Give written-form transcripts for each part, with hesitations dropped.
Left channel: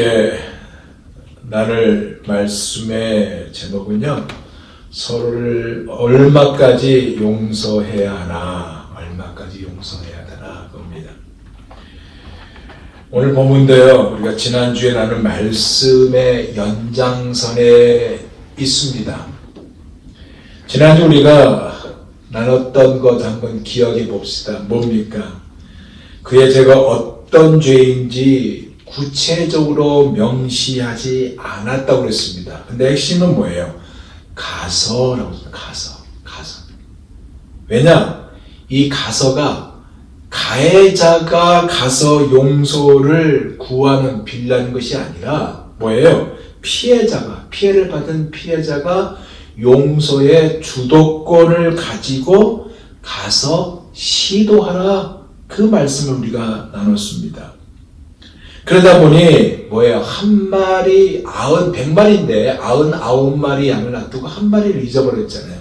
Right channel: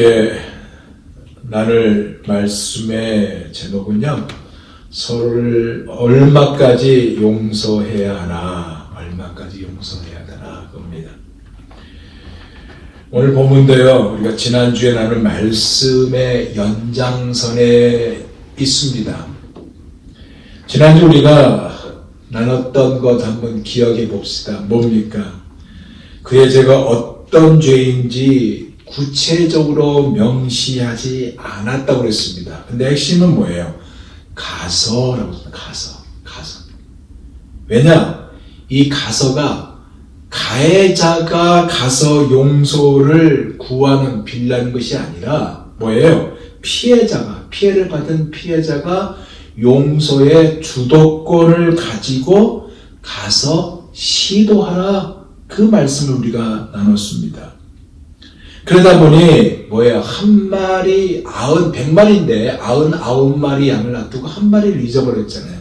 함께 나눌 말씀의 제목은요, 서로를 얼마까지 용서해야 하나, 얼마까지 용서해야 되나 겁니다. 오늘 본문도요, 우리가 지난주에 나눈 말씀의 연장선에 있습니다. 지난주 우리가 나눴던 것 한번 기억해 봅시다. 뭡니까? 그의 죄가 어떤 죄인지 구체적으로 명시하지 않았다고 그랬습니다. 근데 핵심은 뭐예요? 가서라고 했습니다. 가서. 왜냐? 이 가서가 가해자가 가서 용서를 구하는, 빌라는 것이 아니라 뭐예요? 피해를 받은 피해자가 용서의 주도권을 가지고 가서 시도하라. 그 말씀을 우리가 나눴습니다. 그러다 보니 한 마리 100마리인데 99마리 양을 놔두고 한 마리를 잊어버렸잖아요.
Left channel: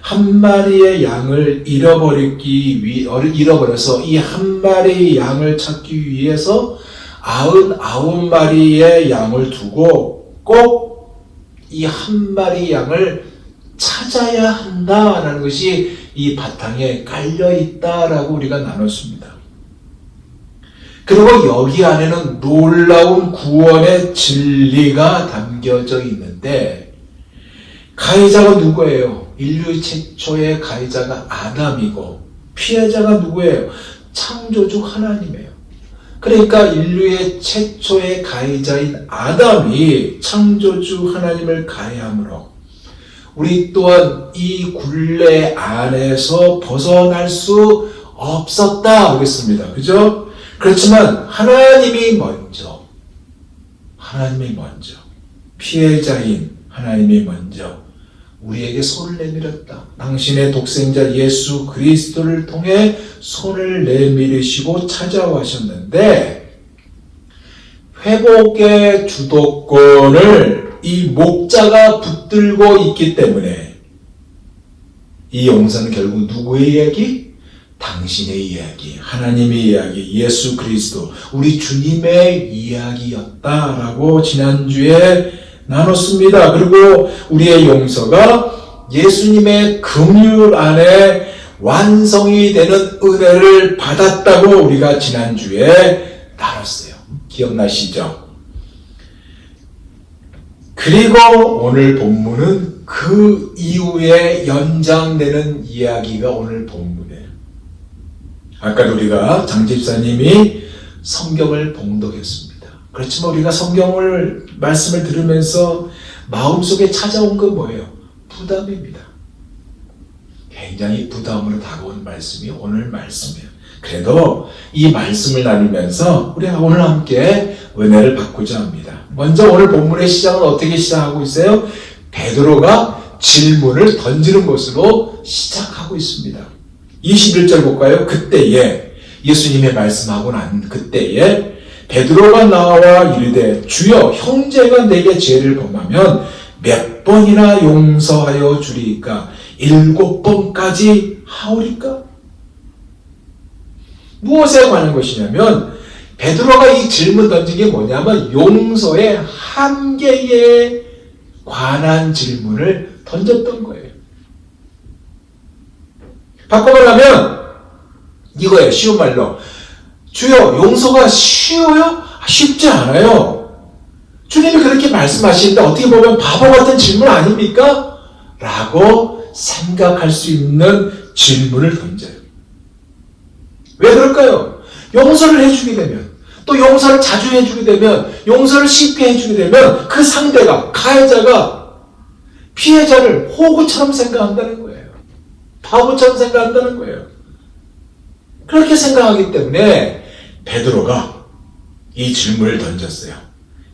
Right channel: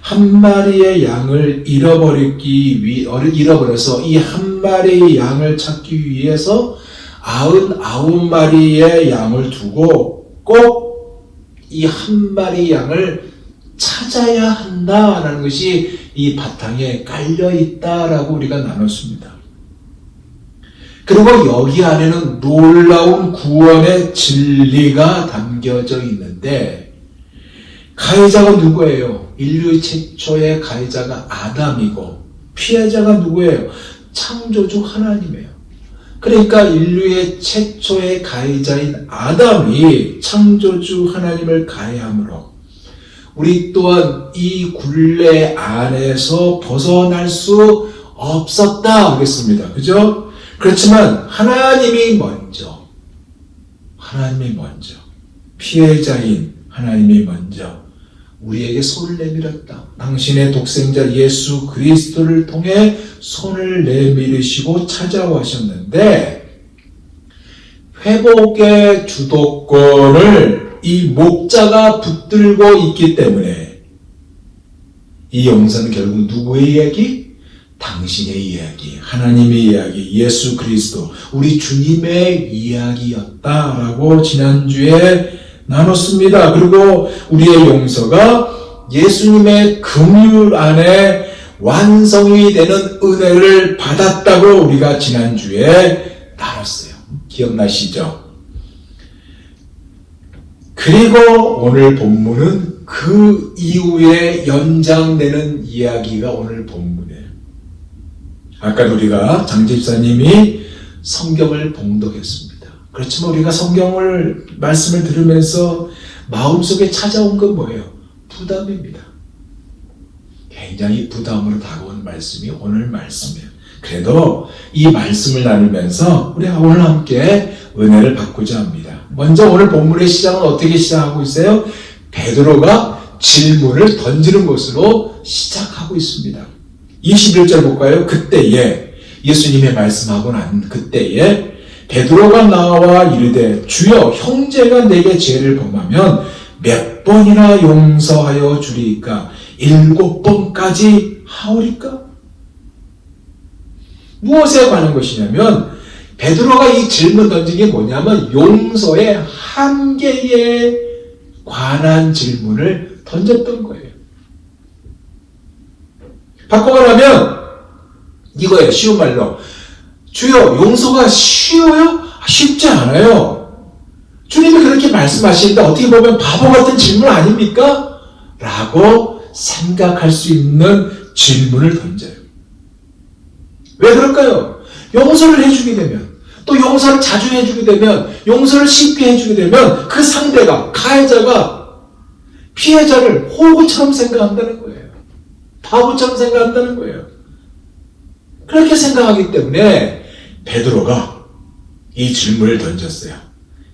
한 마리의 양을 잃어버려서 이 한 마리의 양을 찾기 위해서 99마리의 양을 두고 꼭 이 한 마리 양을 찾아야 한다라는 것이 이 바탕에 깔려있다라고 우리가 나눴습니다. 그리고 여기 안에는 놀라운 구원의 진리가 담겨져 있는데, 가해자가 누구예요? 인류 최초의 가해자가 아담이고, 피해자가 누구예요? 창조주 하나님이에요. 그러니까 인류의 최초의 가해자인 아담이 창조주 하나님을 가해함으로 우리 또한 이 굴레 안에서 벗어날 수 없었다 하겠습니다. 그죠? 그렇지만 하나님이 먼저 피해자인 하나님이 먼저 우리에게 손을 내밀었다. 당신의 독생자 예수 그리스도를 통해 손을 내밀으시고 찾아와셨는데, 회복의 주도권을 이 목자가 붙들고 있기 때문에 이 용서는 결국 누구의 이야기? 당신의 이야기, 하나님의 이야기, 예수 그리스도, 우리 주님의 이야기였다라고 지난주에 나눴습니다. 그리고 우리의 용서가 예수님의 긍휼 안에 완성이 되는 은혜를 받았다고 우리가 지난주에 나눴어요. 기억나시죠? 그리고 오늘 본문은 그 이후에 연장되는 이야기가 오늘 본문이에요. 아까 우리가 장 집사님이 성경을 봉독했습니다. 그렇지만 우리가 말씀을 들으면서 마음속에 찾아온 건 뭐예요? 부담입니다. 굉장히 부담으로 다가오는 말씀이 오늘 말씀이에요. 그래도 이 말씀을 나누면서 우리가 오늘 함께 은혜를 받고자 합니다. 먼저 오늘 본문의 시작은 어떻게 시작하고 있어요? 베드로가 질문을 던지는 것으로 시작하고 있습니다. 21절 볼까요? 그때에, 예수님의 말씀하고 난 그때에 베드로가 나와 이르되 주여, 형제가 내게 죄를 범하면 몇 번이나 용서하여 주리이까? 7번까지 하오리까? 무엇에 관한 것이냐면, 베드로가 이 질문 던진 게 뭐냐면 용서의 한계에 관한 질문을 던졌던 거예요. 바꿔 말하면 이거예요. 쉬운 말로, 주여, 용서가 쉬워요? 쉽지 않아요. 주님이 그렇게 말씀하시는데 어떻게 보면 바보 같은 질문 아닙니까? 라고 생각할 수 있는 질문을 던져요. 왜 그럴까요? 용서를 해주게 되면, 또 용서를 자주 해주게 되면, 용서를 쉽게 해주게 되면 그 상대가, 가해자가 피해자를 호구처럼 생각한다는 거예요. 바보처럼 생각한다는 거예요. 그렇게 생각하기 때문에 베드로가 이 질문을 던졌어요.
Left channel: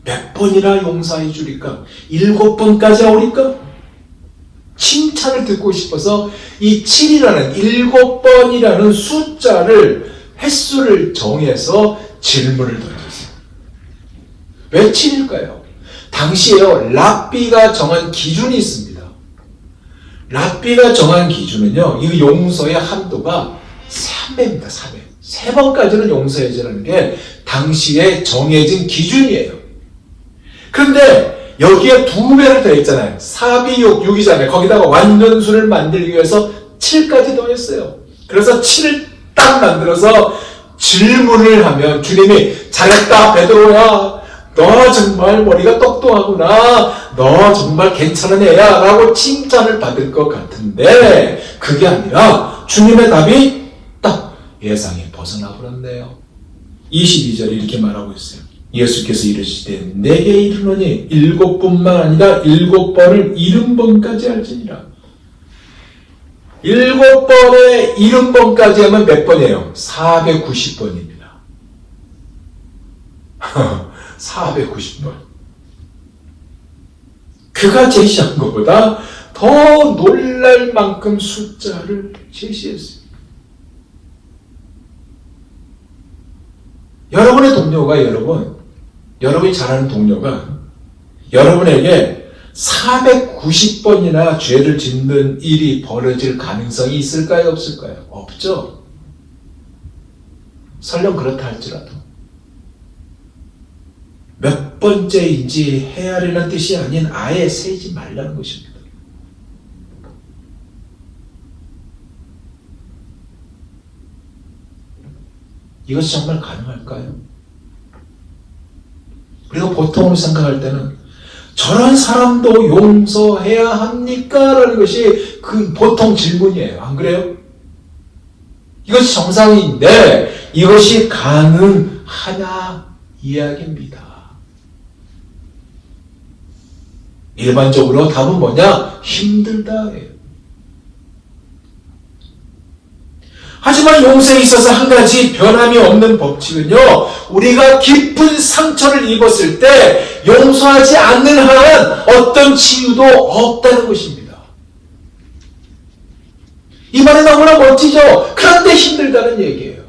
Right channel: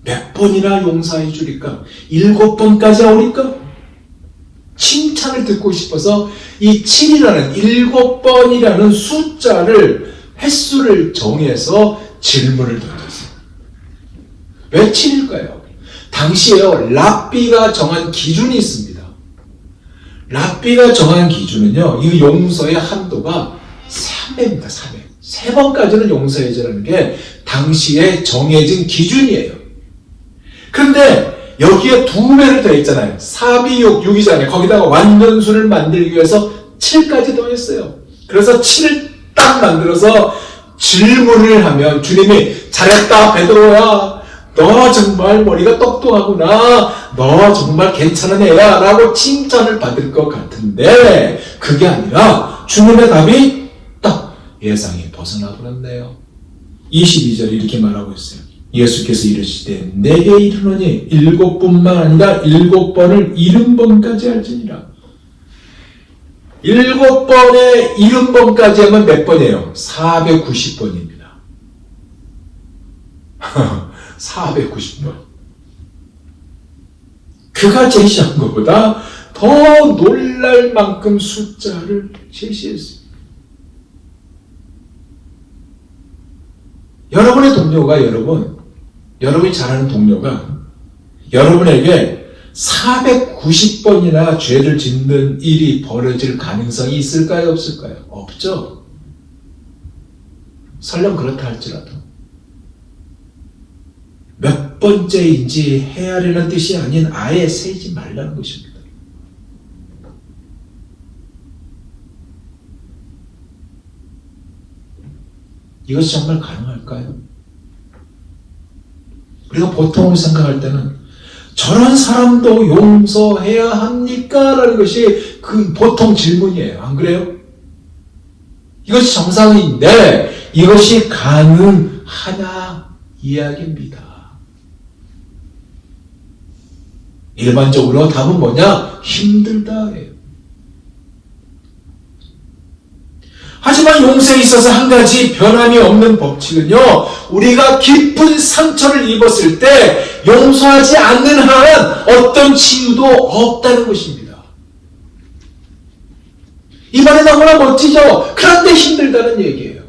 몇 번이나 용서해 주리까? 7번까지 하오리까? 칭찬을 듣고 싶어서 이 7이라는 7번이라는 횟수를 정해서 질문을 던졌어요. 왜 7일까요? 당시에요, 랍비가 정한 기준이 있습니다. 랍비가 정한 기준은요, 이 용서의 한도가 3회입니다. 3회. 3번까지는 용서해주라는 게 당시에 정해진 기준이에요. 그런데 여기에 2배를 더했잖아요. 4비육 6이잖아요. 거기다가 완전수를 만들기 위해서 7까지 더했어요. 그래서 7을 딱 만들어서 질문을 하면 주님이 잘했다 베드로야, 너 정말 머리가 똑똑하구나, 너 정말 괜찮은 애야 라고 칭찬을 받을 것 같은데 그게 아니라 주님의 답이 딱 예상이 벗어나 버렸네요. 22절에 이렇게 말하고 있어요. 예수께서 이르시되 내게 이르노니 7번만 아니라 7번을 70번까지 할지니라. 7번에 70번까지 하면 몇 번이에요? 490번입니다. 490번. 그가 제시한 것보다 더 놀랄 만큼 숫자를 제시했어요. 여러분의 동료가 여러분이 잘 아는 동료가 여러분에게 490번이나 죄를 짓는 일이 벌어질 가능성이 있을까요? 없을까요? 없죠. 설령 그렇다 할지라도 몇 번째인지 헤아리는 뜻이 아닌 아예 세지 말라는 것입니다. 이것이 정말 가능할까요? 우리가 보통으로 생각할 때는 저런 사람도 용서해야 합니까? 라는 것이 그 보통 질문이에요. 안 그래요? 이것이 정상인데 이것이 가능하냐 이야기입니다. 일반적으로 답은 뭐냐? 힘들다예요. 하지만 용서에 있어서 한 가지 변함이 없는 법칙은요, 우리가 깊은 상처를 입었을 때 용서하지 않는 한 어떤 치유도 없다는 것입니다. 이 말은 너무나 멋지죠? 그런데 힘들다는 얘기예요.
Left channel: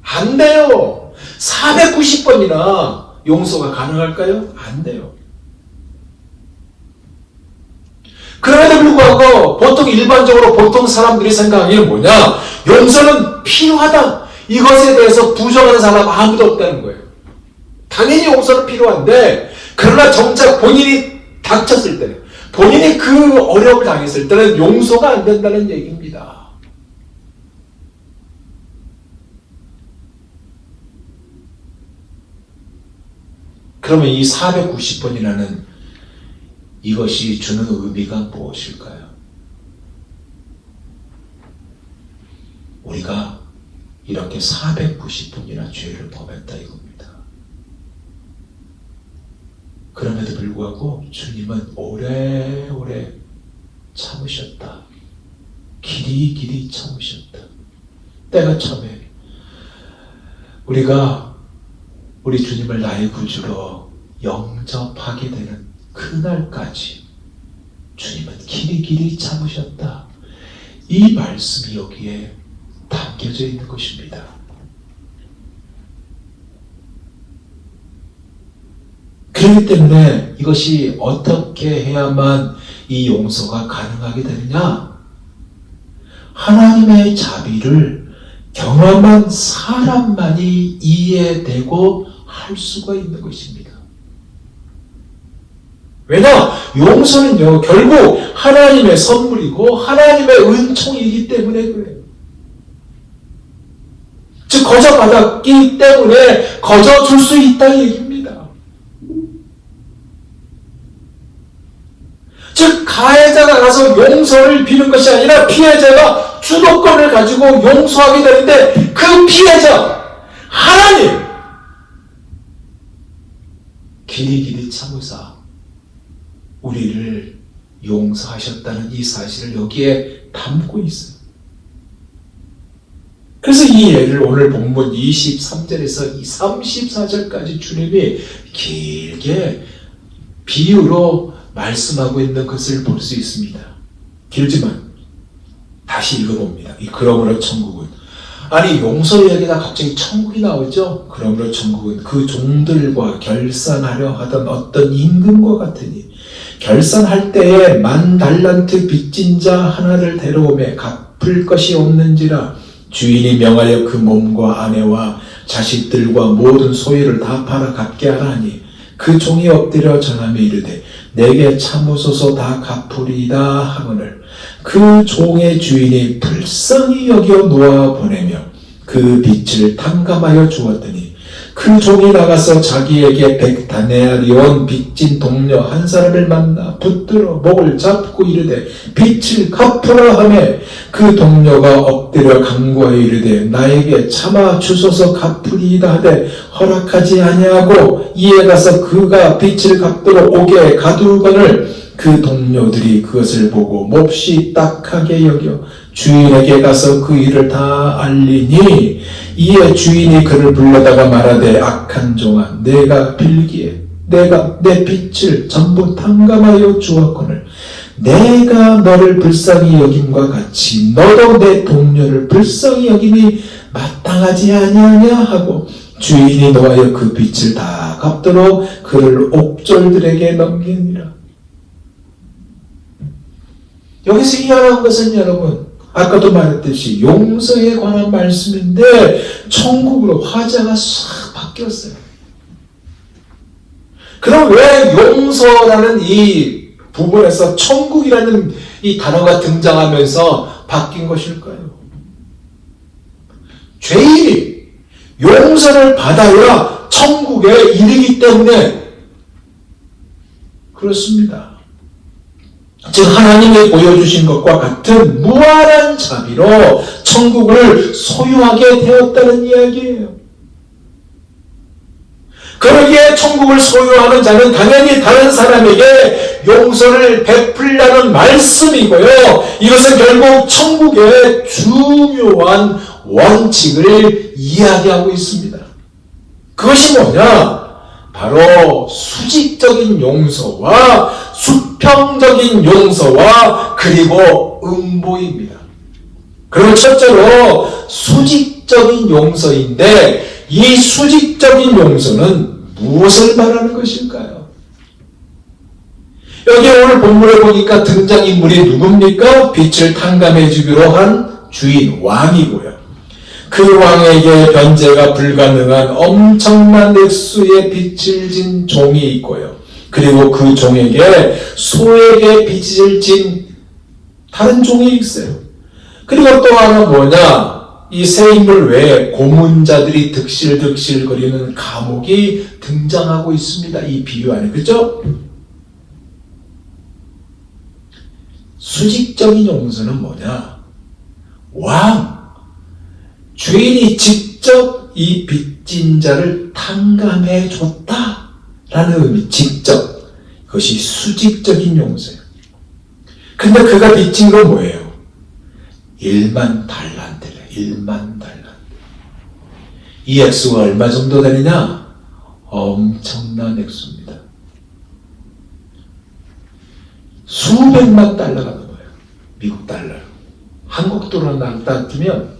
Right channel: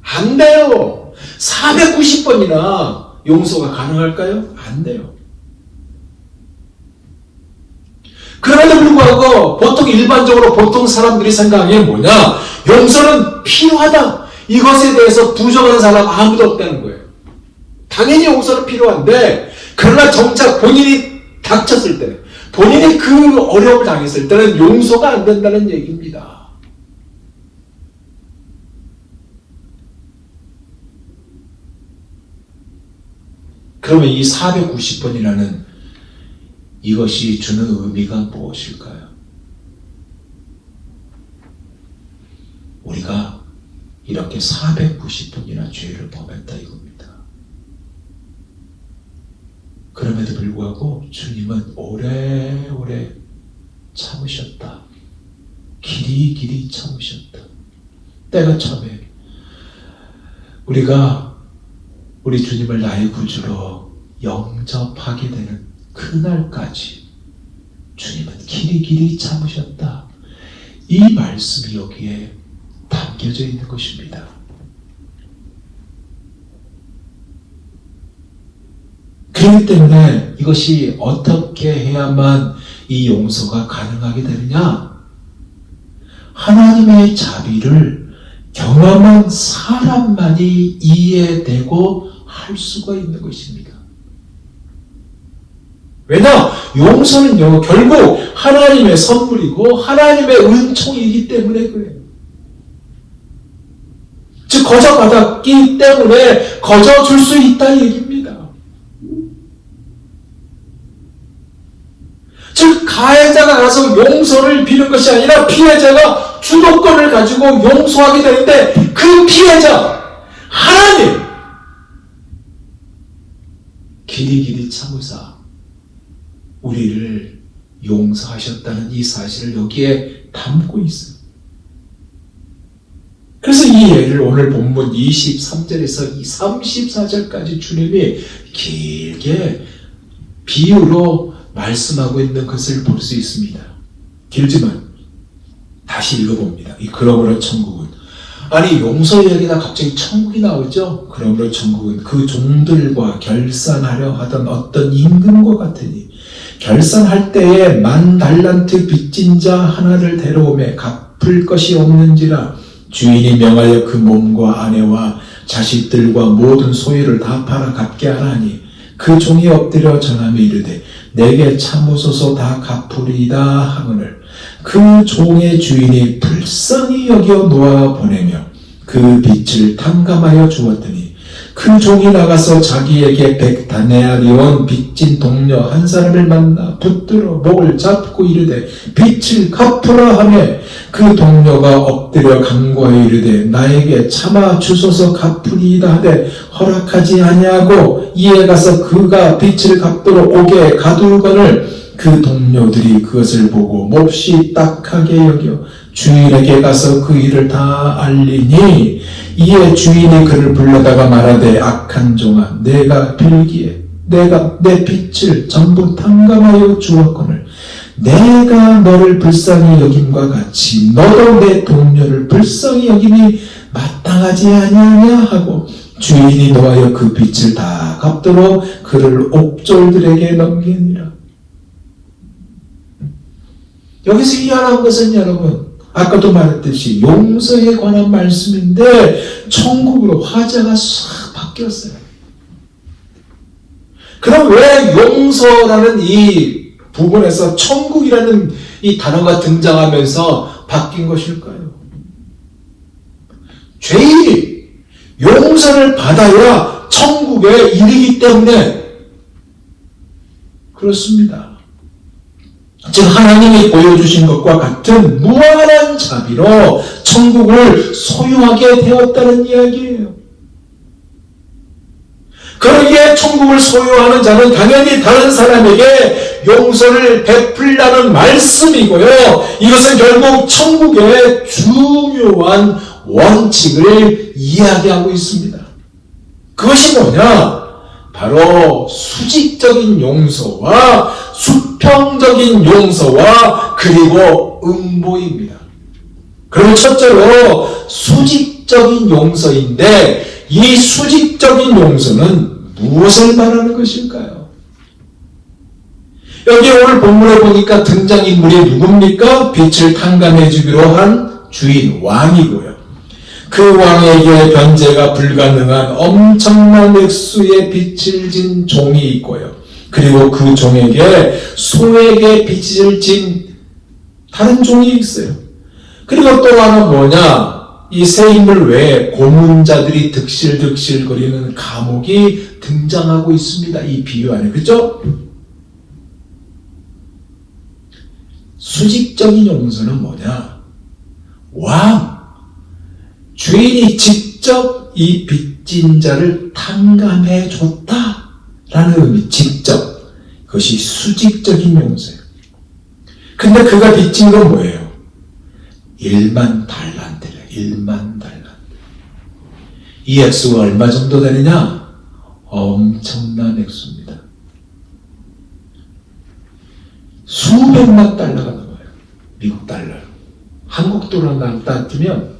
안 돼요. 490번이나 용서가 가능할까요? 안 돼요. 그럼에도 불구하고 일반적으로 보통 사람들이 생각하기는 뭐냐? 용서는 필요하다. 이것에 대해서 부정하는 사람 아무도 없다는 거예요. 당연히 용서는 필요한데 그러나 정작 본인이 닥쳤을 때, 본인이 그 어려움을 당했을 때는 용서가 안 된다는 얘기입니다. 그러면 이 490번이라는 이것이 주는 의미가 무엇일까요? 우리가 이렇게 490번이나 죄를 범했다 이겁니다. 그럼에도 불구하고 주님은 오래오래 참으셨다. 길이 참으셨다. 때가 참에 우리가 우리 주님을 나의 구주로 영접하게 되는 그날까지 주님은 길이 참으셨다. 이 말씀이 여기에 담겨져 있는 것입니다. 그렇기 때문에 이것이 어떻게 해야만 이 용서가 가능하게 되느냐? 하나님의 자비를 경험한 사람만이 이해되고 할 수가 있는 것입니다. 왜냐? 용서는요, 결국 하나님의 선물이고 하나님의 은총이기 때문에 그래요. 즉, 거저 받았기 때문에 거저 줄 수 있다는 얘기입니다. 즉, 가해자가 가서 용서를 비는 것이 아니라 피해자가 주도권을 가지고 용서하게 되는데 그 피해자, 하나님, 길이 참으사 우리를 용서하셨다는 이 사실을 여기에 담고 있어요. 그래서 이 예를 오늘 본문 23절에서 34절까지 주님이 길게 비유로 말씀하고 있는 것을 볼 수 있습니다. 길지만 다시 읽어봅니다. 이 그러므로 천국은, 아니 용서 이야기가 갑자기 천국이 나오죠. 그러므로 천국은 그 종들과 결산하려 하던 어떤 임금과 같으니 결산할 때에 10,000달란트 빚진 자 하나를 데려오매 갚을 것이 없는지라 주인이 명하여 그 몸과 아내와 자식들과 모든 소유를 다 팔아 갚게 하라 하니 그 종이 엎드려 전하며 이르되 내게 참으소서 다 갚으리이다 하거늘 그 종의 주인이 불쌍히 여겨 놓아 보내며 그 빚을 탕감하여 주었더니 그 종이 나가서 자기에게 100다네리온 빚진 동료 한 사람을 만나 붙들어 목을 잡고 이르되 빚을 갚으라 하며 그 동료가 엎드려 간구하여 이르되 나에게 참아 주소서 갚으리이다 하되 허락하지 아니하고 이에 가서 그가 빚을 갚도록 오게 가두거늘 그 동료들이 그것을 보고 몹시 딱하게 여겨 주인에게 가서 그 일을 다 알리니 이에 주인이 그를 불러다가 말하되 악한 종아 내가 빌기에 내가 내 빚을 전부 탕감하여 주었거늘 내가 너를 불쌍히 여김과 같이 너도 내 동료를 불쌍히 여김이 마땅하지 아니하냐 하고 주인이 노하여 그 빚을 다 갚도록 그를 옥졸들에게 넘기니라. 여기서 일어난 것은 여러분 아까도 말했듯이 용서에 관한 말씀인데 천국으로 화제가 싹 바뀌었어요. 그럼 왜 용서라는 이 부분에서 천국이라는 이 단어가 등장하면서 바뀐 것일까요? 죄인이 용서를 받아야 천국에 이르기 때문에 그렇습니다. 즉 하나님이 보여주신 것과 같은 무한한 자비로 천국을 소유하게 되었다는 이야기예요. 그러기에 천국을 소유하는 자는 당연히 다른 사람에게 용서를 베풀라는 말씀이고요. 이것은 결국 천국의 중요한 원칙을 이야기하고 있습니다. 그것이 뭐냐? 바로 수직적인 용서와 수평적인 용서와 그리고 음보입니다. 그럼 첫째로 수직적인 용서인데 이 수직적인 용서는 무엇을 말하는 것일까요? 여기 오늘 본문에 보니까 등장인물이 누굽니까? 빚을 탕감해 주기로 한 주인 왕이고요. 그 왕에게 변제가 불가능한 엄청난 액수의 빚을 진 종이 있고요. 그리고 그 종에게 소에게 빚을 진 다른 종이 있어요. 그리고 또 하나 뭐냐? 이 세 인물 외에 고문자들이 득실득실거리는 감옥이 등장하고 있습니다. 이 비유 안에. 그죠? 수직적인 용서는 뭐냐? 왕, 주인이 직접 이 빚진 자를 탕감해 줬다라는 의미, 직접. 그것이 수직적인 용서예요. 근데 그가 빚진 건 뭐예요? 1만 달란트래요. 1만 달란트. 이 액수가 얼마 정도 되느냐? 엄청난 액수입니다. 수백만 달러가 넘어요. 미국 달러. 한국 돈으로 따지면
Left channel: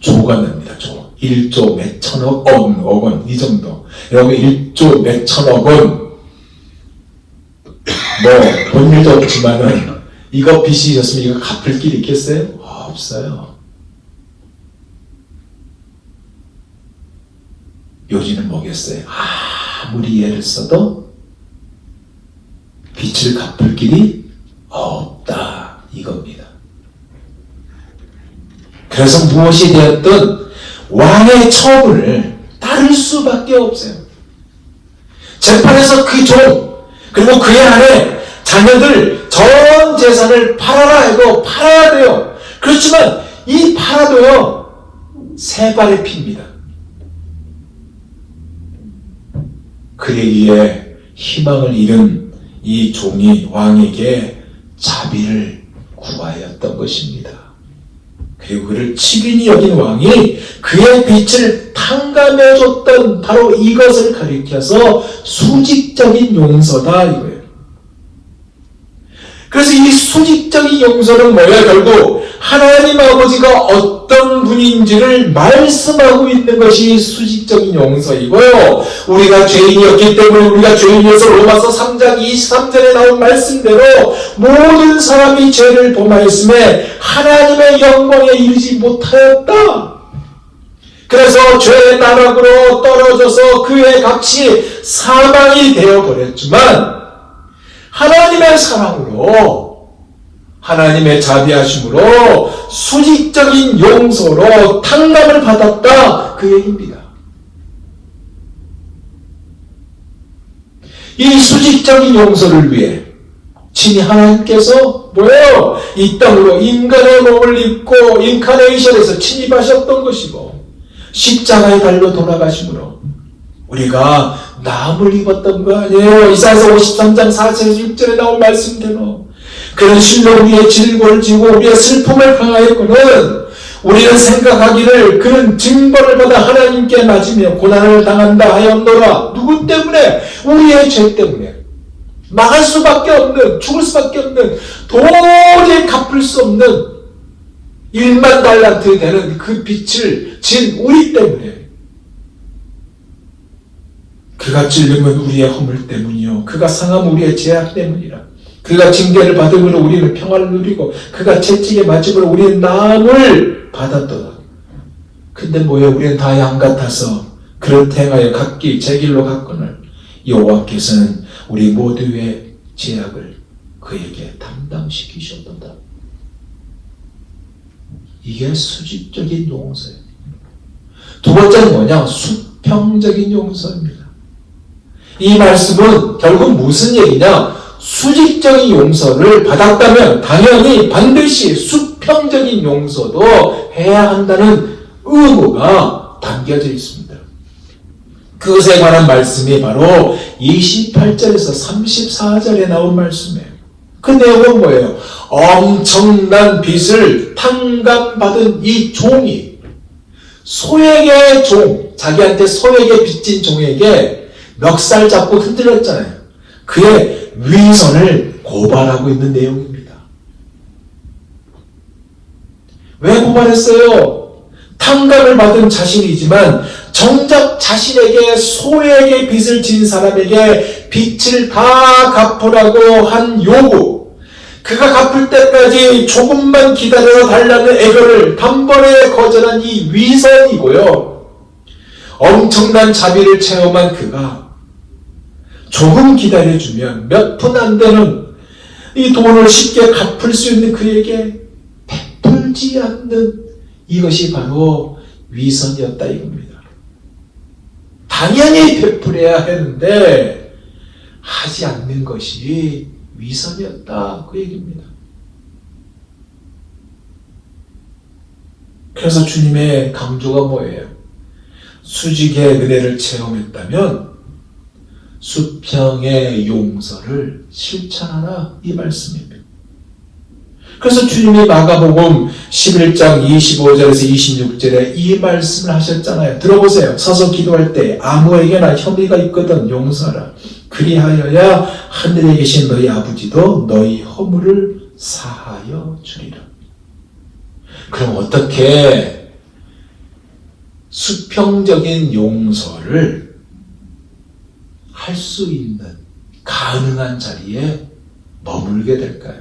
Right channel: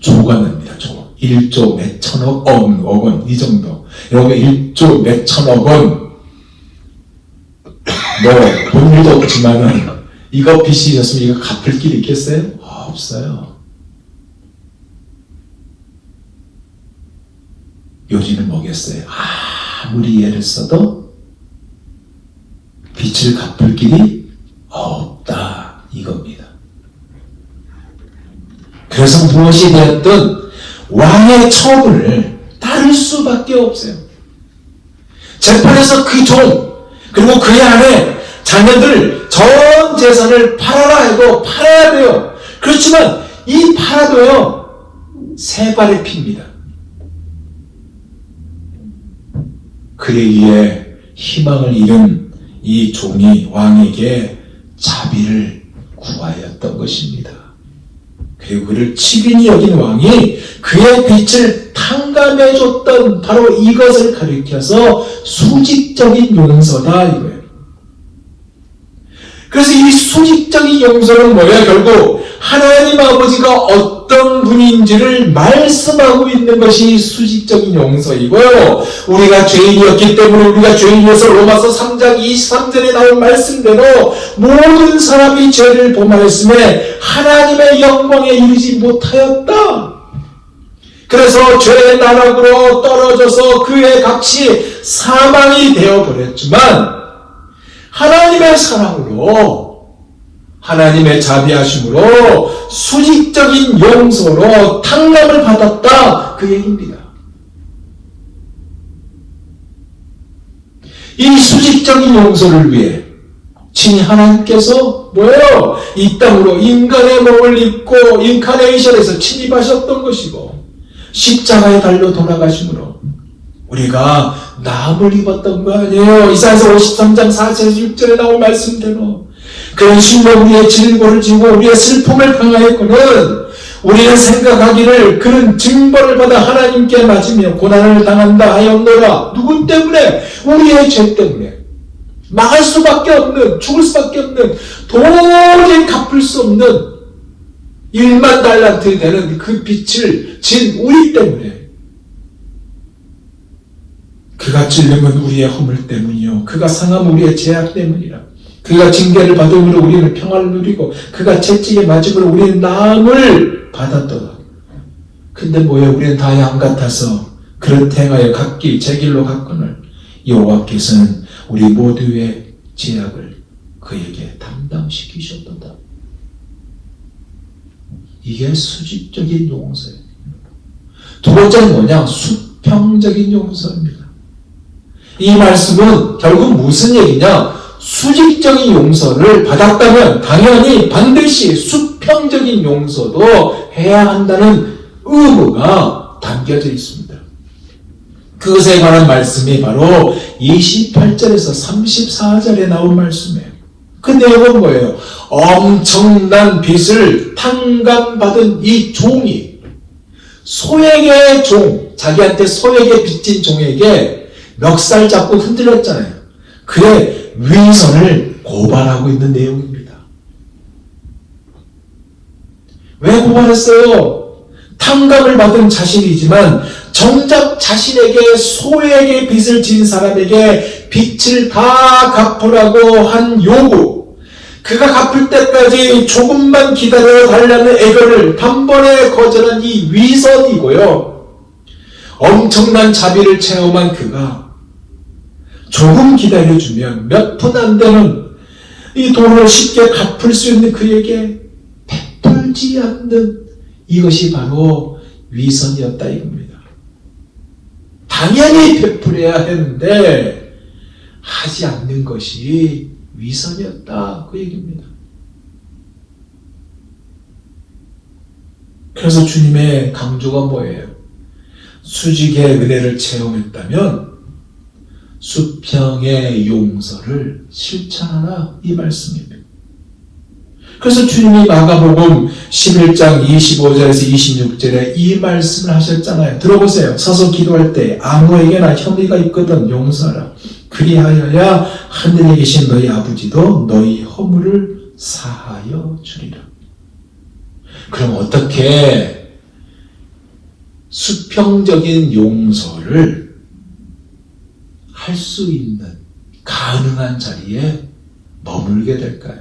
조가 납니다. 조. 1조 몇 천억 원, 이 정도. 여러분 1조 몇 천억 원. 본 일도 없지만은 이거 빚이 있었으면 이거 갚을 길 있겠어요? 없어요. 요지는 뭐겠어요? 아무리 애를 써도 빚을 갚을 길이 없다. 이겁니다. 그래서 무엇이 되었든 왕의 처분을 따를 수밖에 없어요. 재판에서 그 종, 그리고 그의 아내, 자녀들 전 재산을 팔아라 해도 팔아야 돼요. 그렇지만 이 팔아도요, 세 발의 피입니다. 그러기에 희망을 잃은 이 종이 왕에게 자비를 구하였던 것입니다. 그리고 그를 치근히 여긴 왕이 그의 빚을 탕감해줬던 바로 이것을 가리켜서 수직적인 용서다 이거예요. 그래서 이 수직적인 용서는 뭐야? 결국 하나님 아버지가 어떤 분인지를 말씀하고 있는 것이 수직적인 용서이고요. 우리가 죄인이었기 때문에 우리가 죄인이어서 로마서 3장 23절에 나온 말씀대로 모든 사람이 죄를 범하였음에 하나님의 영광에 이르지 못하였다. 그래서 죄의 나락으로 떨어져서 그의 값이 사망이 되어버렸지만 하나님의 사랑으로 하나님의 자비하심으로 수직적인 용서로 탕감을 받았다 그 얘기입니다. 이 수직적인 용서를 위해 친히 하나님께서 뭐예요? 이 땅으로 인간의 몸을 입고 인카네이션에서 침입하셨던 것이고 십자가의 달로 돌아가심으로 우리가 남을 입었던 거 아니에요. 이사야서 53장 4절에서 6절에 나온 말씀대로 그런 실로 우리의 질고를 지고 우리의 슬픔을 당하였거든 우리는 생각하기를 그는 징벌을 받아 하나님께 맞으며 고난을 당한다 하였노라. 누구 때문에? 우리의 죄 때문에. 망할 수밖에 없는, 죽을 수밖에 없는, 도저히 갚을 수 없는 1만 달란트 되는 그 빛을 진 우리 때문에. 그가 찔림은 우리의 허물 때문이요 그가 상함 우리의 죄악 때문이라. 그가 징계를 받음으로 우리는 평안을 누리고 그가 채찍에 맞음으로 우리는 나음을 받았도다. 근데 뭐예요? 우리는 다 양 같아서 그릇 행하여 각기 제 길로 갔거늘 여호와께서는 우리 모두의 죄악을 그에게 담당시키셨도다. 이게 수직적인 용서예요. 두 번째는 뭐냐? 수평적인 용서입니다. 이 말씀은 결국 무슨 얘기냐? 수직적인 용서를 받았다면 당연히 반드시 수평적인 용서도 해야 한다는 의무가 담겨져 있습니다. 그것에 관한 말씀이 바로 28절에서 34절에 나온 말씀이에요. 그 내용은 뭐예요? 엄청난 빚을 탕감받은 이 종이 소액의 종, 자기한테 소액의 빚진 종에게 멱살 잡고 흔들렸잖아요. 그의 위선을 고발하고 있는 내용입니다. 왜 고발했어요? 탕감을 받은 자신이지만 정작 자신에게 소액의 빚을 진 사람에게 빚을 다 갚으라고 한 요구, 그가 갚을 때까지 조금만 기다려 달라는 애교를 단번에 거절한 이 위선이고요. 엄청난 자비를 체험한 그가 조금 기다려주면 몇 푼 안 되는 이 돈을 쉽게 갚을 수 있는 그에게 베풀지 않는 이것이 바로 위선이었다 이겁니다. 당연히 베풀어야 했는데 하지 않는 것이 위선이었다 그 얘기입니다. 그래서 주님의 강조가 뭐예요? 수직의 은혜를 체험했다면 수평의 용서를 실천하라 이 말씀입니다. 그래서 주님이 마가복음 11장 25절에서 26절에 이 말씀을 하셨잖아요. 들어보세요. 서서 기도할 때 아무에게나 혐의가 있거든 용서하라. 그리하여야 하늘에 계신 너희 아버지도 너희 허물을 사하여 주리라. 그럼 어떻게 수평적인 용서를 할 수 있는 가능한 자리에 머물게 될까요?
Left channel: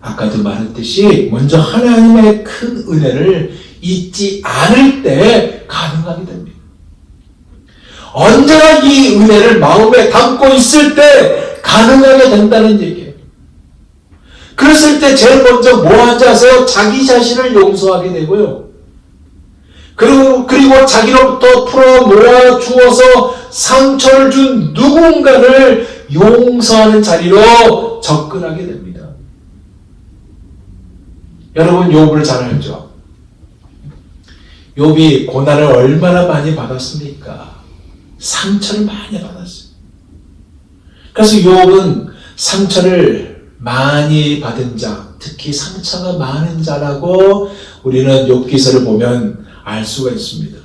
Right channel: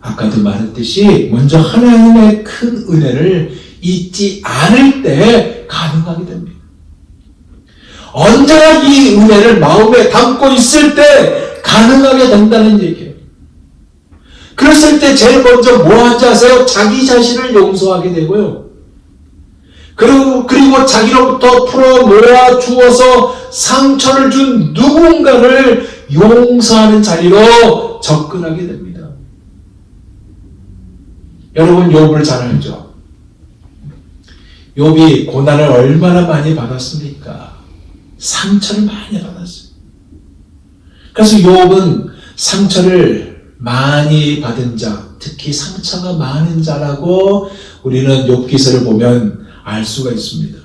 아까도 말했듯이 먼저 하나님의 큰 은혜를 잊지 않을 때 가능하게 됩니다. 언제나 이 은혜를 마음에 담고 있을 때 가능하게 된다는 얘기예요. 그랬을 때 제일 먼저 뭐 하지 아세요? 자기 자신을 용서하게 되고요. 그리고 자기로부터 풀어놓아 주어서 상처를 준 누군가를 용서하는 자리로 접근하게 됩니다. 여러분 욥을 잘 알죠? 욥이 고난을 얼마나 많이 받았습니까? 상처를 많이 받았어요. 그래서 욥은 상처를 많이 받은 자, 특히 상처가 많은 자라고 우리는 욥기서를 보면 알 수가 있습니다.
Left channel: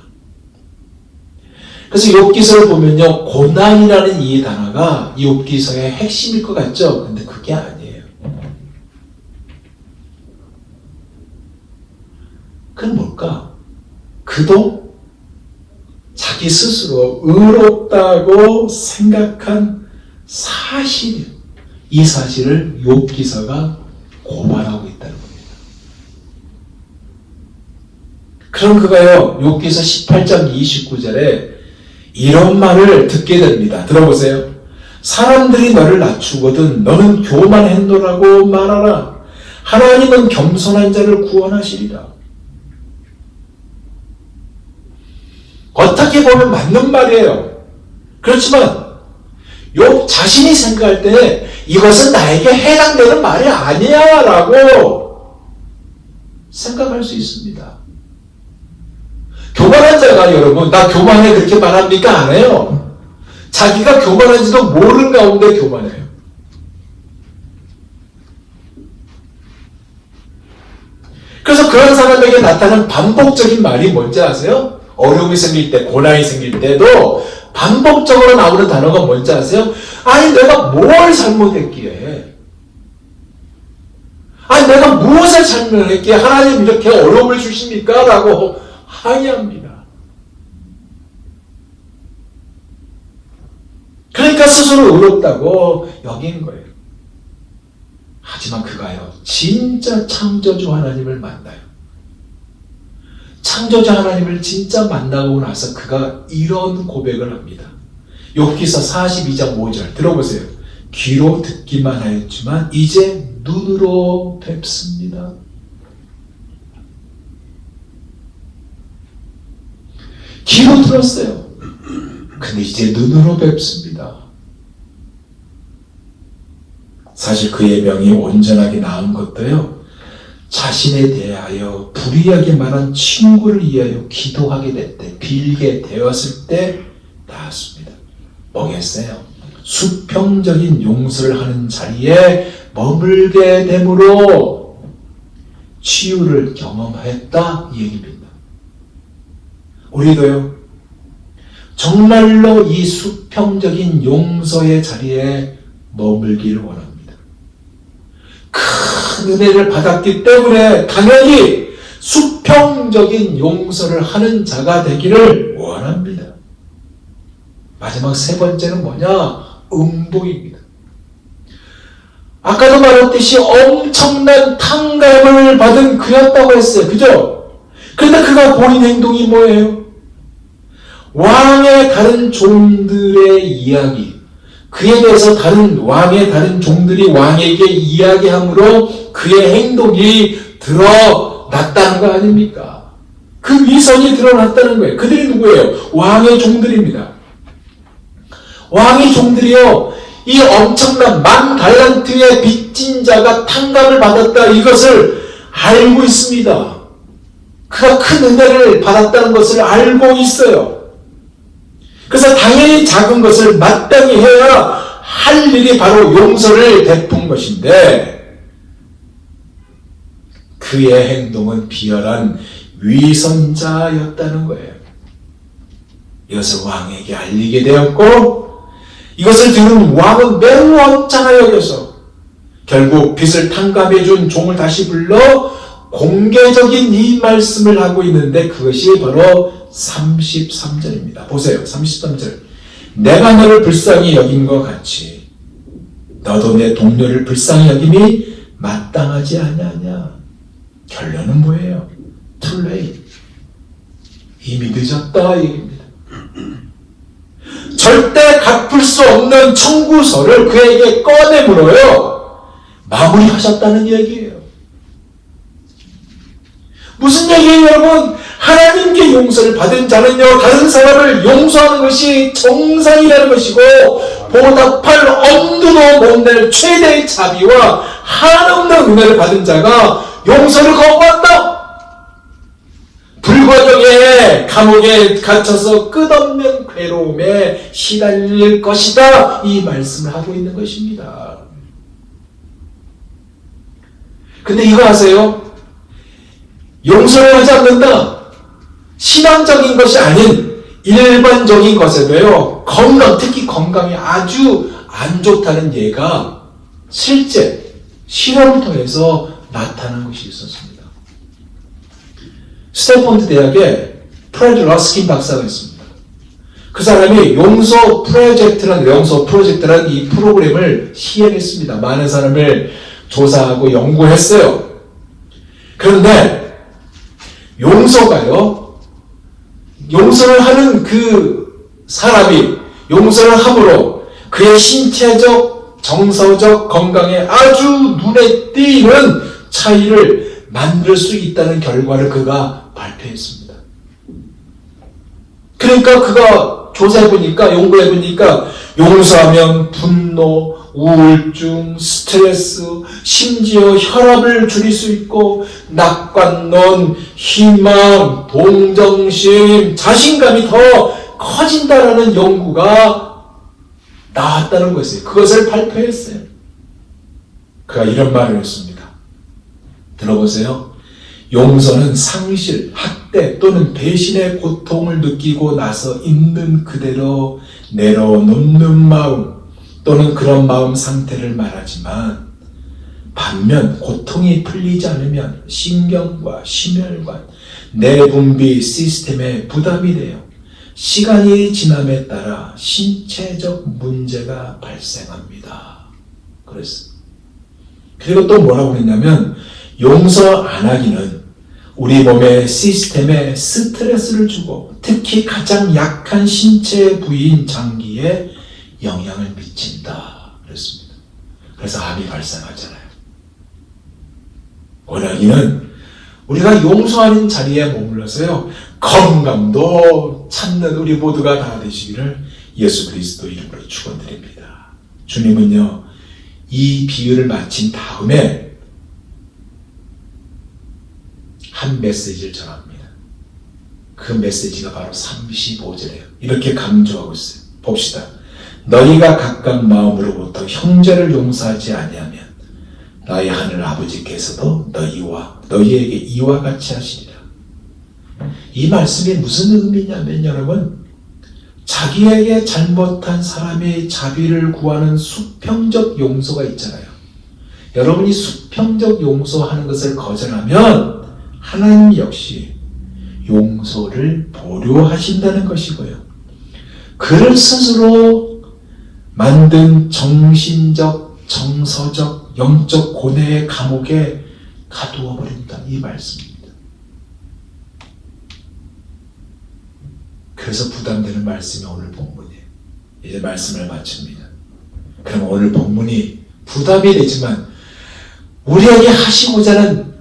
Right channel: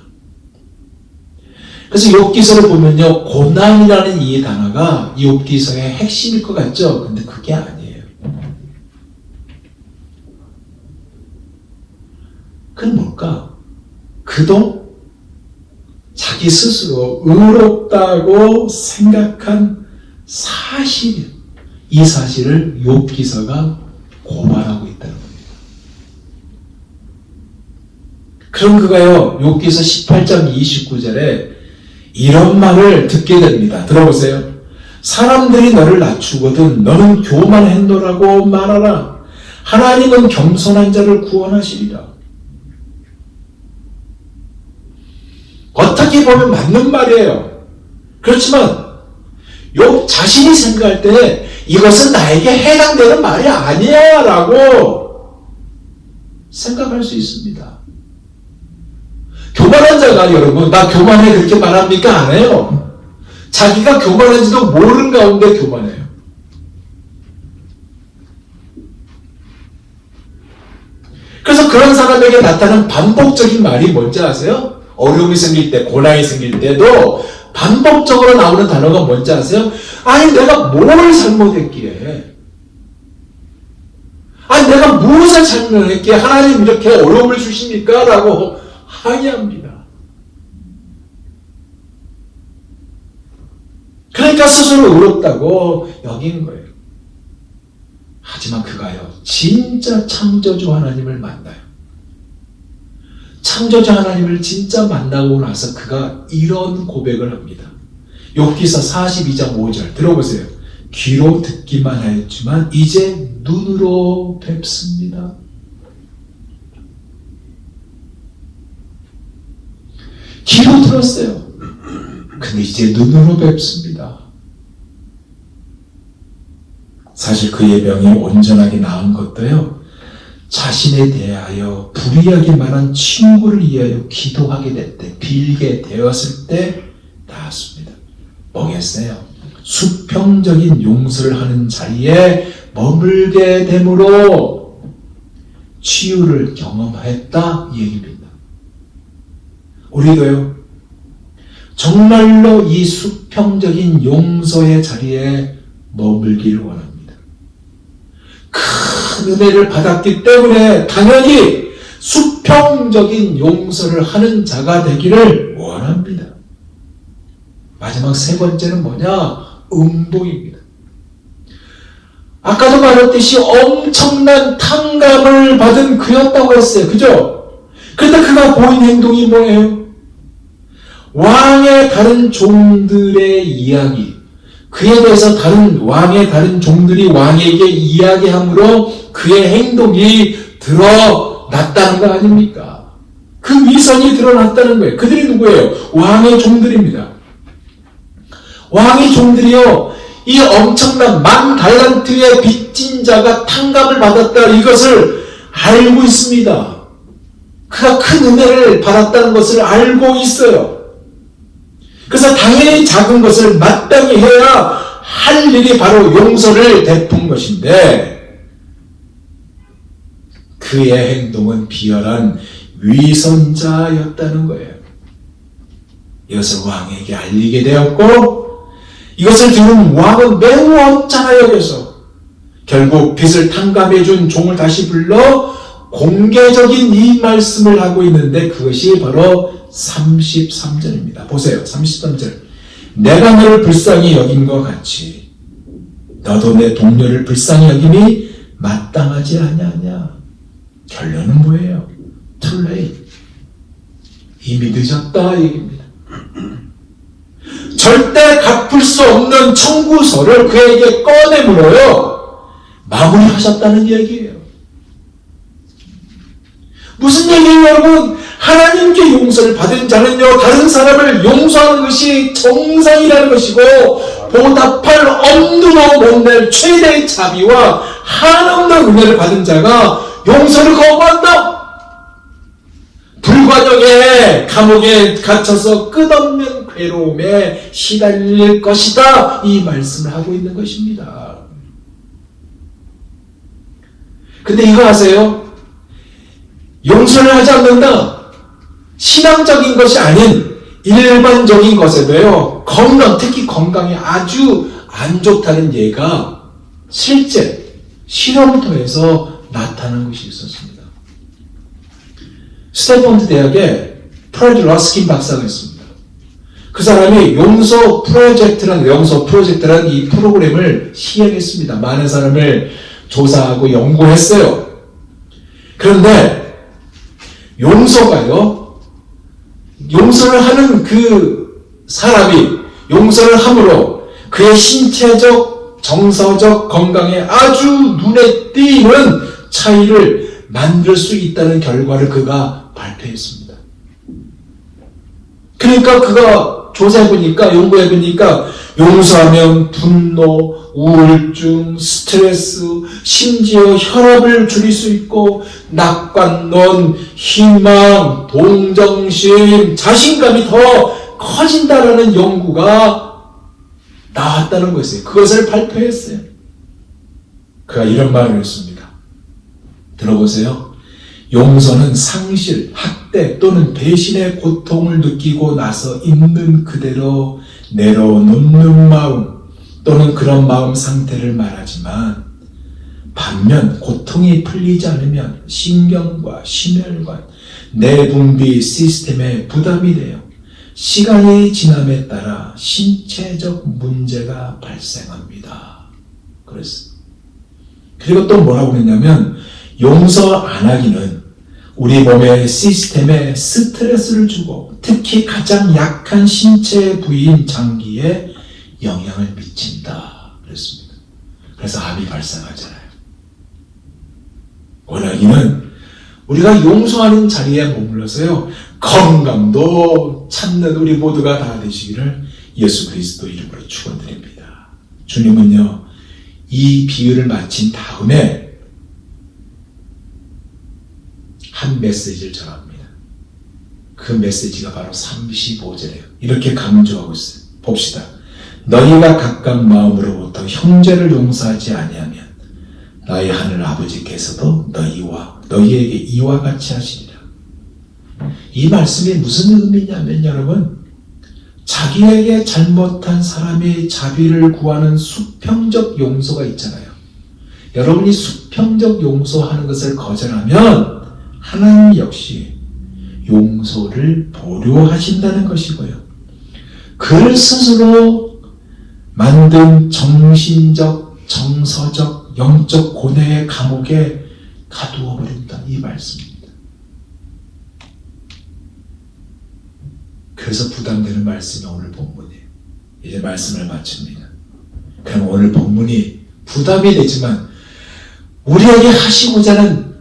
그래서 욥기서를 보면요, 고난이라는 이 단어가 이 욥기서의 핵심일 것 같죠? 근데 그게 아니에요. 그건 뭘까? 그동 자기 스스로 의롭다고 생각한 사실, 이 사실을 욥기서가 고발하고 있다는 겁니다. 그럼 그가요, 욥기서 18장 29절에 이런 말을 듣게 됩니다. 들어보세요. 사람들이 너를 낮추거든 너는 교만했노라고 말하라. 하나님은 겸손한 자를 구원하시리라. 어떻게 보면 맞는 말이에요. 그렇지만 욥 자신이 생각할 때 이것은 나에게 해당되는 말이 아니야 라고 생각할 수 있습니다. 교만한 자가 여러분 나 교만해 그렇게 말합니까? 안 해요. 자기가 교만한지도 모르는 가운데 교만해요. 그래서 그런 사람에게 나타나는 반복적인 말이 뭔지 아세요? 어려움이 생길 때, 고난이 생길 때도 반복적으로 나오는 단어가 뭔지 아세요? 아니 내가 뭘 잘못했기에, 아니 내가 무엇을 잘못했기에 하나님 이렇게 어려움을 주십니까? 라고 항의합니다. 그러니까 스스로 의롭다고 여긴 거예요. 하지만 그가요, 진짜 창조주 하나님을 만나요. 창조주 하나님을 진짜 만나고 나서 그가 이런 고백을 합니다. 욥기서 42장 5절 들어보세요. 귀로 듣기만 하였지만 이제 눈으로 뵙습니다. 귀로 들었어요. 근데 이제 눈으로 뵙습니다. 사실 그의 병이 온전하게 나은 것도요, 자신에 대하여 불의하게 말한 친구를 위하여 기도하게 될 때, 빌게 되었을 때 나았습니다. 뭐겠어요? 수평적인 용서를 하는 자리에 머물게 됨으로 치유를 경험했다 이 얘기입니다. 우리도요, 정말로 이 수평적인 용서의 자리에 머물기를 원합니다. 큰 은혜를 받았기 때문에 당연히 수평적인 용서를 하는 자가 되기를 원합니다. 마지막 세 번째는 뭐냐? 음부입니다. 아까도 말했듯이 엄청난 탕감을 받은 그였다고 했어요. 그죠? 그런데 그가 보인 행동이 뭐예요? 왕의 다른 종들의 이야기, 그에 대해서 왕의 다른 종들이 왕에게 이야기함으로 그의 행동이 드러났다는 거 아닙니까? 그 위선이 드러났다는 거예요. 그들이 누구예요? 왕의 종들입니다. 왕의 종들이요, 이 엄청난 10,000달란트의 빚진 자가 탕감을 받았다, 이것을 알고 있습니다. 그가 큰 은혜를 받았다는 것을 알고 있어요. 그래서 당연히 작은 것을 마땅히 해야 할 일이 바로 용서를 베푼 것인데, 그의 행동은 비열한 위선자였다는 거예요. 이것을 왕에게 알리게 되었고, 이것을 들은 왕은 매우 언짢아 여겨서 결국 빚을 탕감해준 종을 다시 불러 공개적인 이 말씀을 하고 있는데, 그것이 바로 33절입니다. 보세요. 33절. 내가 너를 불쌍히 여긴 것 같이 너도 내 동료를 불쌍히 여김이 마땅하지 아니하냐. 결론은 뭐예요? Too late. 이미 늦었다 얘기입니다. 절대 갚을 수 없는 청구서를 그에게 꺼내물어요. 마무리하셨다는 얘기예요. 무슨 얘기예요, 여러분? 하나님께 용서를 받은 자는요, 다른 사람을 용서하는 것이 정상이라는 것이고, 보답할 엄두도 못 낼 최대의 자비와 한없는 은혜를 받은 자가 용서를 거부한다. 불과정에 감옥에 갇혀서 끝없는 괴로움에 시달릴 것이다, 이 말씀을 하고 있는 것입니다. 근데 이거 아세요? 용서를 하지 않는다. 신앙적인 것이 아닌 일반적인 것에도요, 특히 건강에 아주 안 좋다는 예가 실제 실험터에서 나타난 것이 있었습니다. 스탠포드 대학에 프레드 러스킨 박사가 있습니다. 그 사람이 용서 프로젝트라는 이 프로그램을 시행했습니다. 많은 사람을 조사하고 연구했어요. 그런데 용서가요. 용서를 하는 그 사람이 용서를 함으로 그의 신체적, 정서적 건강에 아주 눈에 띄는 차이를 만들 수 있다는 결과를 그가 발표했습니다. 그러니까 그가 조사해보니까, 연구해보니까 용서하면 분노, 우울증, 스트레스, 심지어 혈압을 줄일 수 있고 낙관론, 희망, 동정심, 자신감이 더 커진다라는 연구가 나왔다는 것이에요. 그것을 발표했어요. 그가 이런 말을 했습니다. 들어보세요. 용서는 상실, 학대 또는 배신의 고통을 느끼고 나서 있는 그대로 내려놓는 마음 또는 그런 마음 상태를 말하지만 반면 고통이 풀리지 않으면 신경과 심혈관, 내분비 시스템에 부담이 돼요. 시간이 지남에 따라 신체적 문제가 발생합니다. 그랬어요. 그리고 또 뭐라고 했냐면 용서 안 하기는 우리 몸의 시스템에 스트레스를 주고 특히 가장 약한 신체 부위인 장기에 영향을 미친다. 그랬습니다. 그래서 암이 발생하잖아요. 원하기는 우리가 용서하는 자리에 머물러서요. 건강도 찾는 우리 모두가 다 되시기를 예수 그리스도 이름으로 축원드립니다. 주님은요. 이 비유를 마친 다음에 한 메시지를 전합니다. 그 메시지가 바로 35절이에요. 이렇게 강조하고 있어요. 봅시다. 너희가 각각 마음으로부터 형제를 용서하지 아니하면 너희 하늘 아버지께서도 너희에게 이와 같이 하시리라. 이 말씀이 무슨 의미냐면 여러분 자기에게 잘못한 사람의 자비를 구하는 수평적 용서가 있잖아요. 여러분이 수평적 용서하는 것을 거절하면 하나님 역시 용서를 보류하신다는 것이고요. 그를 스스로 만든 정신적, 정서적, 영적 고뇌의 감옥에 가두어 버린다. 이 말씀입니다. 그래서 부담되는 말씀이 오늘 본문이에요. 이제 말씀을 마칩니다. 그럼 오늘 본문이 부담이 되지만 우리에게 하시고자 하는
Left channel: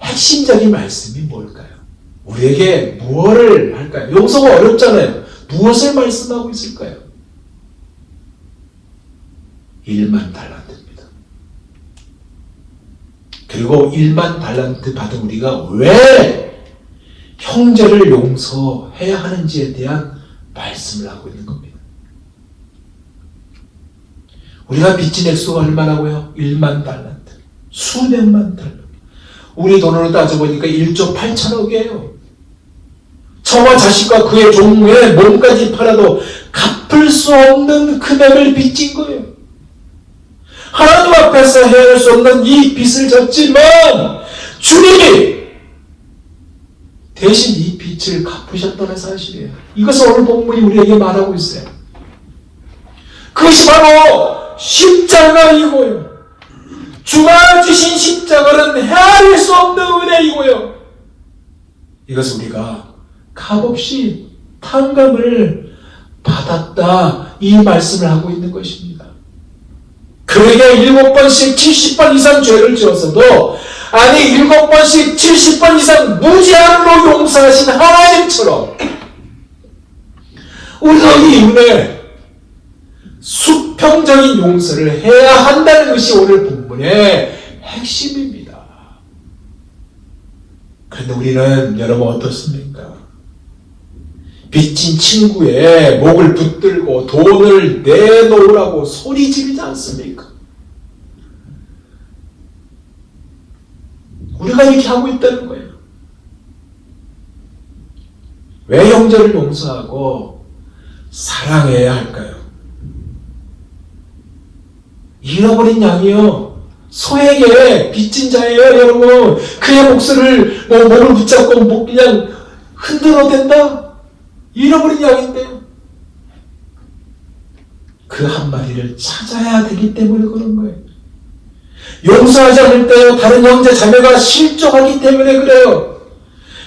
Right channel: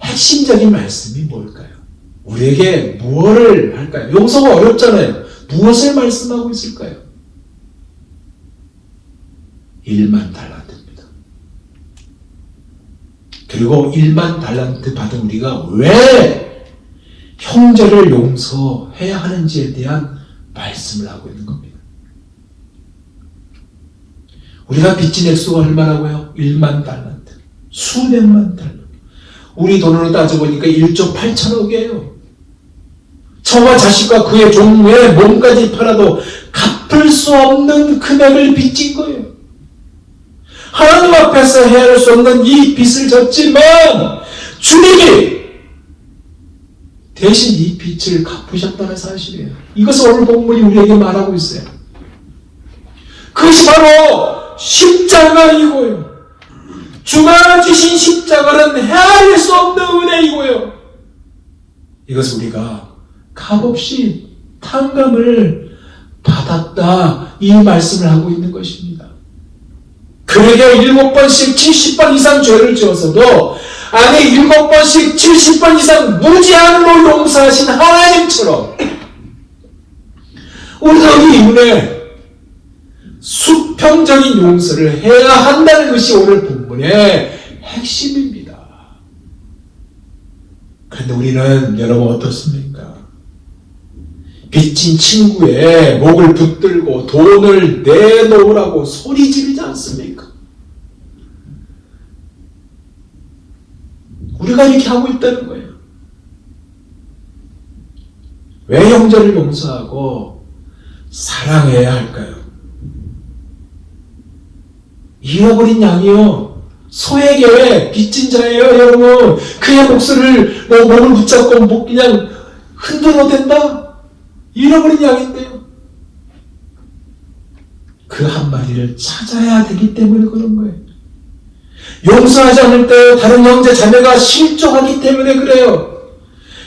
핵심적인 말씀이 뭘까요? 우리에게 무엇을 할까요? 용서가 어렵잖아요. 무엇을 말씀하고 있을까요? 1만 달란트입니다. 그리고 1만 달란트 받은 우리가 왜 형제를 용서해야 하는지에 대한 말씀을 하고 있는 겁니다. 우리가 빚진 액수가 얼마라고요? 1만 달란트. 수백만 달란트. 우리 돈으로 따져보니까 1조 8천억이에요. 저와 자식과 그의 종의 몸까지 팔아도 갚을 수 없는 금액을 빚진 거예요. 하나님 앞에서 헤아릴 수 없는 이 빚을 졌지만 주님이 대신 이 빚을 갚으셨다는 사실이에요. 이것을 오늘 본문이 우리에게 말하고 있어요. 그것이 바로 십자가이고요. 주가 주신 십자가는 헤아릴 수 없는 은혜이고요. 이것을 우리가 값없이 탕감을 받았다. 이 말씀을 하고 있는 것입니다. 그에게 7번씩 70번 이상 죄를 지어서도 아니 7번씩 70번 이상 무제한으로 용서하신 하나님처럼 우리가 이 은혜 수평적인 용서를 해야 한다는 것이 오늘 본문의 핵심입니다. 그런데 우리는 여러분 어떻습니까? 빚진 친구의 목을 붙들고 돈을 내놓으라고 소리 지르지 않습니까? 우리가 이렇게 하고 있다는 거예요. 왜 형제를 용서하고 사랑해야 할까요? 잃어버린 양이요. 소에게 빚진 자예요, 여러분. 그의 목소리를 몸을 붙잡고 그냥 흔들어 댄다. 잃어버린 양인데요. 그 한 마리를 찾아야 되기 때문에 그런 거예요. 용서하지 않을 때 다른 형제 자매가 실족하기 때문에 그래요.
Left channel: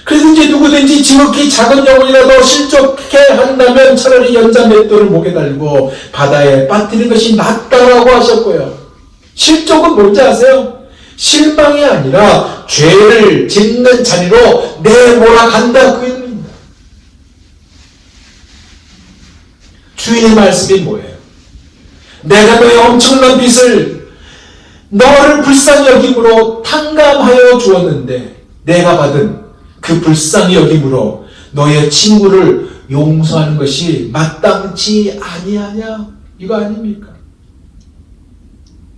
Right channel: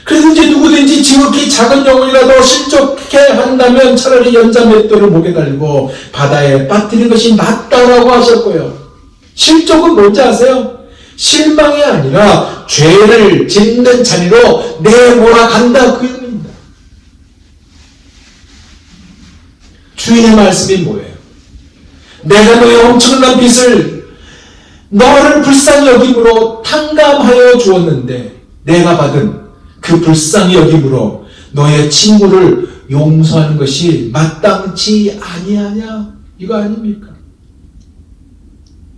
그래서 이제 누구든지 지극히 작은 영혼이라도 실족해 한다면 차라리 연자 맷돌을 목에 달고 바다에 빠뜨리는 것이 낫다라고 하셨고요. 실족은 뭔지 아세요? 실망이 아니라 죄를 짓는 자리로 내몰아간다, 그 의미입니다. 주인의 말씀이 뭐예요? 내가 너의 엄청난 빚을 너를 불쌍히 여김으로 탕감하여 주었는데 내가 받은 그 불쌍히 여김으로 너의 친구를 용서하는 것이 마땅치 아니하냐? 이거 아닙니까?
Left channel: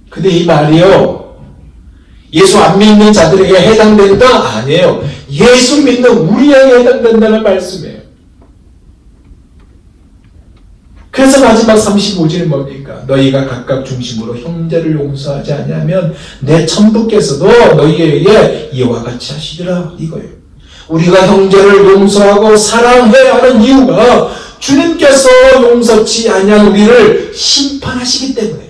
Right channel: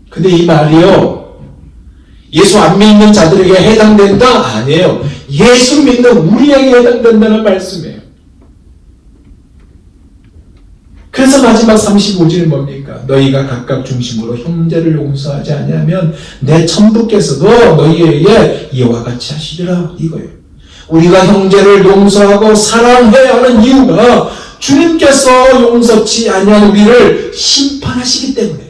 근데 이 말이요, 예수 안 믿는 자들에게 해당된다? 아니에요. 예수 믿는 우리에게 해당된다는 말씀이에요. 그래서 마지막 35절은 뭡니까? 너희가 각각 중심으로 형제를 용서하지 아니하면 내 천부께서도 너희에게 이와 같이 하시리라, 이거예요. 우리가 형제를 용서하고 사랑해야 하는 이유가 주님께서 용서치 아니한 우리를 심판하시기 때문에.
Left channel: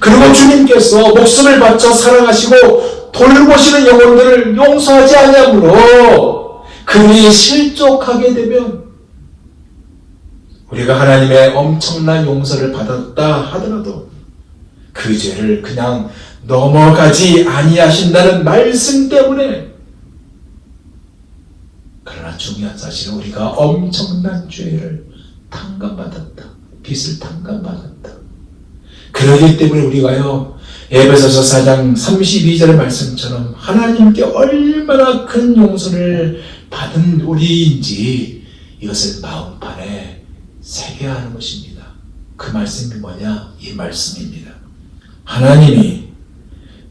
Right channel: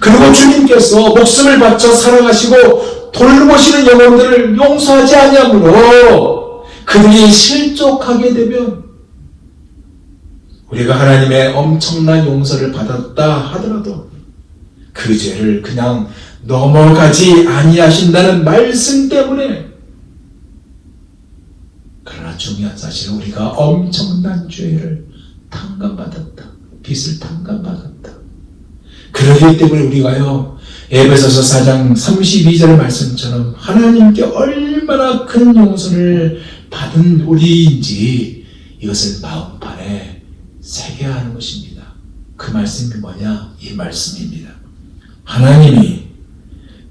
그리고 주님께서 목숨을 바쳐 사랑하시고 돌보시는 영혼들을 용서하지 아니하므로 그들이 실족하게 되면 우리가 하나님의 엄청난 용서를 받았다 하더라도 그 죄를 그냥 넘어가지 아니하신다는 말씀 때문에. 그러나 중요한 사실은 우리가 엄청난 죄를 탕감받았다. 빚을 탕감받았다. 그러기 때문에 우리가요, 에베소서 4장 32절의 말씀처럼 하나님께 얼마나 큰 용서를 받은 우리인지 이것을 마음판에 새겨야 하는 것입니다. 그 말씀이 뭐냐? 이 말씀입니다. 하나님이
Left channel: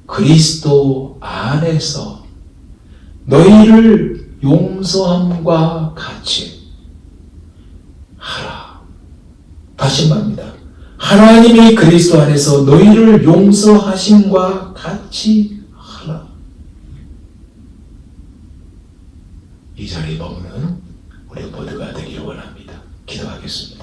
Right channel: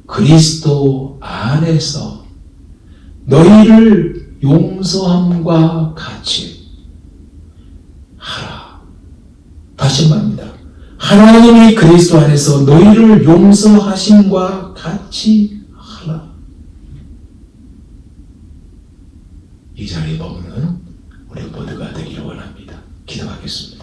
그리스도 안에서 너희를 용서함과 같이 하라. 다시 말합니다. 하나님이 그리스도 안에서 너희를 용서하심과 같이 하라. 이 자리에 머무는 우리 모두가 되기를 원합니다. 기도하겠습니다.